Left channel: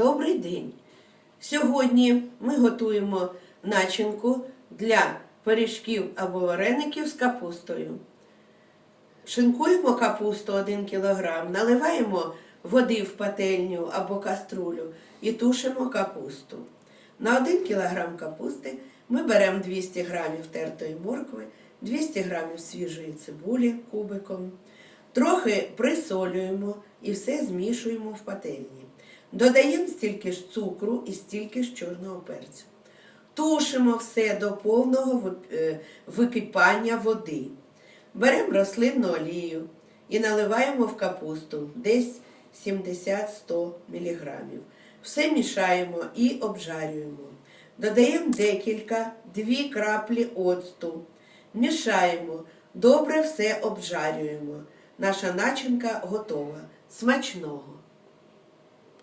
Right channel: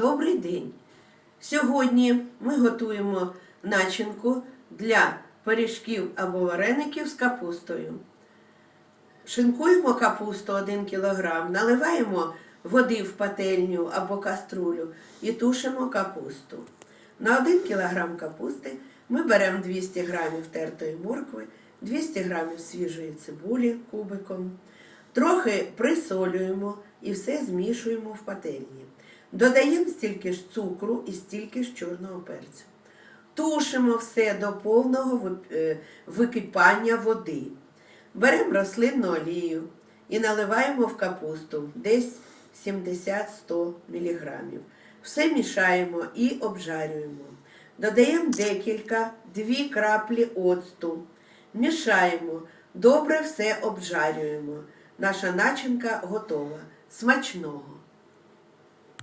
Добрий день! Сьогодні ми готуємо начинку для пиріжків або вареників з капустою. Шинкуємо капусту 1 кг, наливаємо води в пательню або каструлю і тушимо капусту. На 1 кг капусти ми беремо 200 г тертої моркви, 200 г свіжої цибулі кубиком. Трохи присолюємо і все змішуємо в пательні. Додаємо стільки ж цукру і стільки ж чорного перцю. Тушимо все до повного е, википання води. Беремо рослинну олію і наливаємо в капусту десь 70-100 мг. Все мішаємо і обжарюємо. Додаємо декілька, дві краплі оцту. Мішаємо, добре все обжарюємо. Наша начинка готова. Смачного!